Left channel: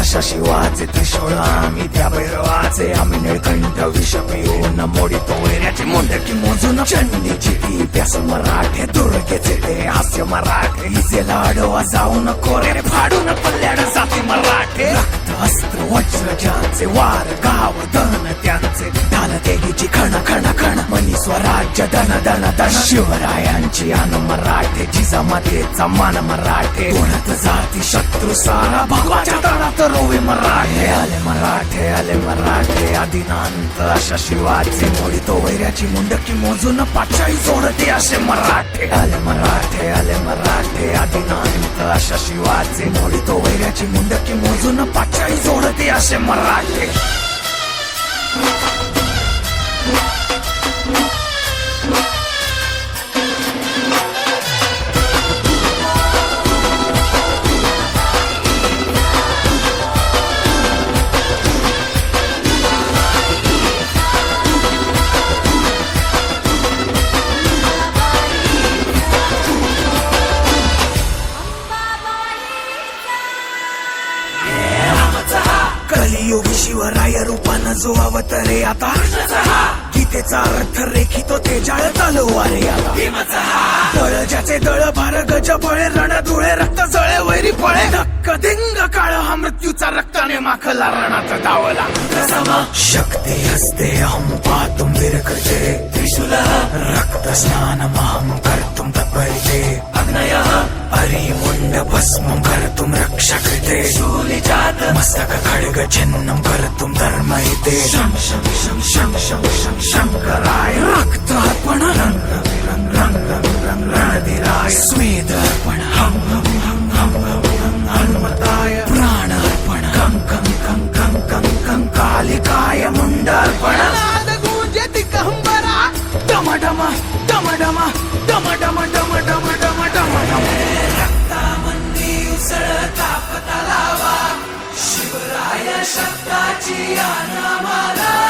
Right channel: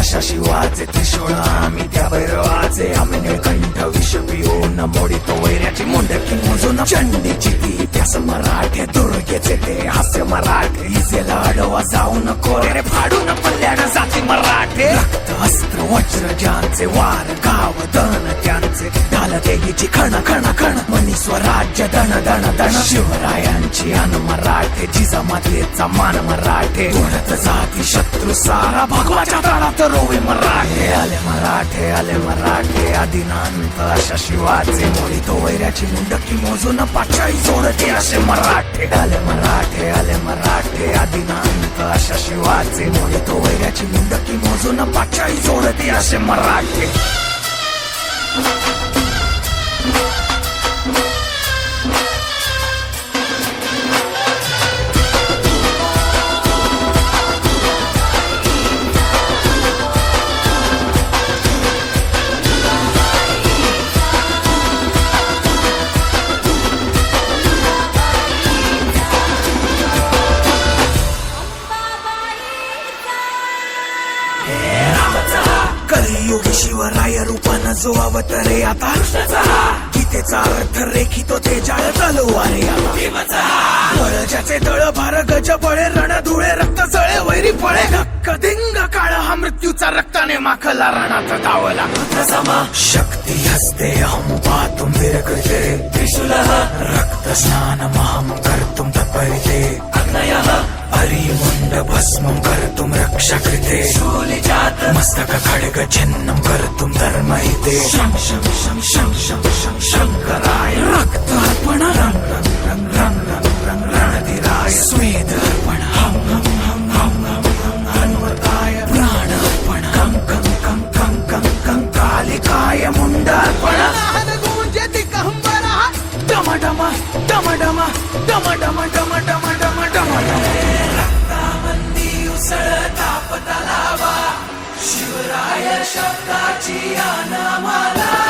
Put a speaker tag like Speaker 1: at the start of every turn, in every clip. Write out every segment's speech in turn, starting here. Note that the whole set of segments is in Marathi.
Speaker 1: अशा शिवाचे त्रिशूळ आम्ही त्या भैरवाचे. आम्ही निळकंठ विष पिऊन मोडितो वैऱ्याची मुंडकी मोजून चंडीची ती प्यास मराठे दुर्गेचे ते हास्य मराठे. इसे लाडवा जाऊन कोरे फाडून पल्ल्याड जाती मराठे. रक्त अस्त्र वज्र ज्यांचे वार गाव दन त्यांचे. ढाल देगीची खण खण खण मनी स्वराज्य दण दण दण शिवरायांची अन मराठे जिजामातेचा मान मराठे. उडत जाती शत्रू सारा भगवाच्या तळात रोवे मराठे आले मराठे आले मराठे. आदिनांत अशा शिवाचे मोडितो वैऱ्याची मुंडकी मोजून पाचाई जोडते असे मराठे. आले मराठे आले मराठे. आदिनांत अशा शिवाचे मोडितो वैऱ्याची मुंडकी मोजून पाचाई जोडते असे मराठे. कलियुगी शिवराय रूपानं जो अवतरे आता? गीतेचा अर्थ रेखितो ते जाळ तलवारे आता. बळ ज्याचे दळ भार गज बळे रण धुळे रक्त जळे वैरी पळे धक्क दिंग काळ हा मृत्यूचा रक्ताने माखला रणात दावला शक्ती हस्ते अहं पातुम विरकृते. रक्त स्नान महम कर्तुम तत्परिते. अरिमुंड भस्मं कर्तुं रक्षकृते मस्तक खड्ग छिन्नं कर्तुं धर्महिते शं शं शं शं शं शं शङ्कराय रक्तार्पण रङ्ग रङ्ग रङ्ग रङ्ग रङ्ग रङ्ग रणधिराय स्वेदार्पण हं हं हं हं हं हं हनुमताय प्राणार्पण कं कं कं कं कं कं कालिकाय मुण्डार्पण
Speaker 2: नाद गूंजति कहंबरा
Speaker 1: डम डम डम डम डम डम डम डम डम तलावा शिवराय शब्दाची अनामाला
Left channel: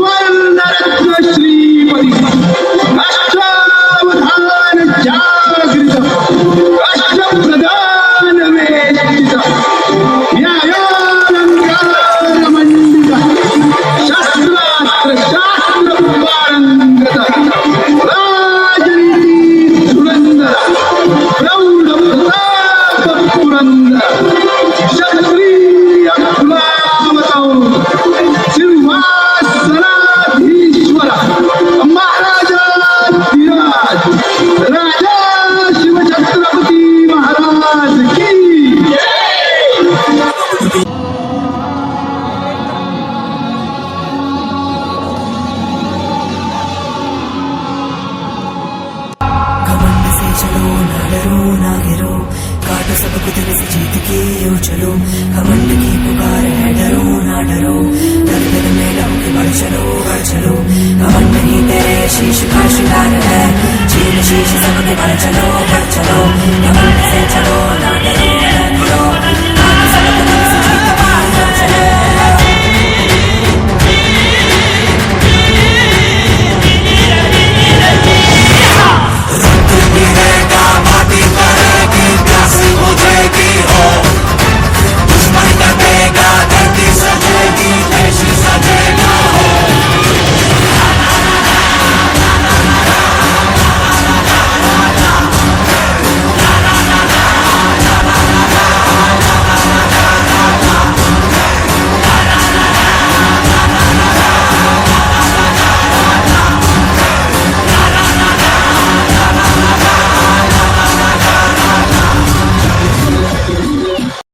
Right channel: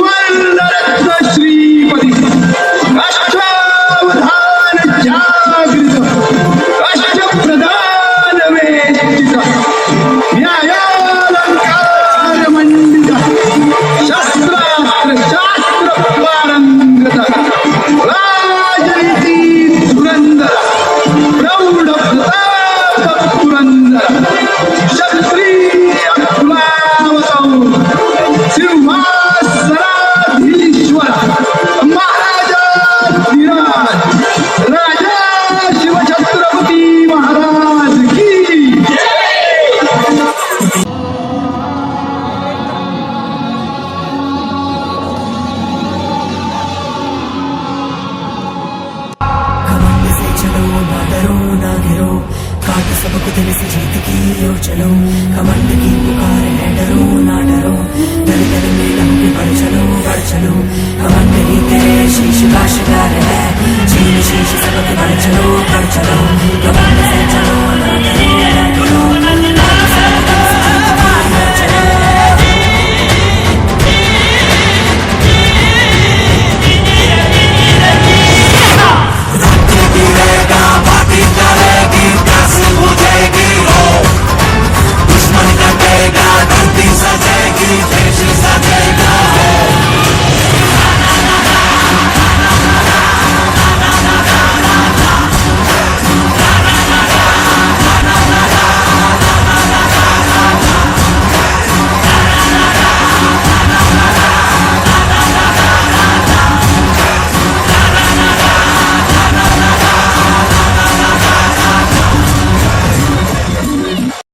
Speaker 1: काट सब कुछ से जीत की यो चलो कमंड की पुकार है डरो ना डरो दल दल में लहू के बढ़ चलो बढ़ चलो कमंड ही तेरे शीश का शिकार है चीन शीश सबके बढ़ चलो बढ़ चलो कमंड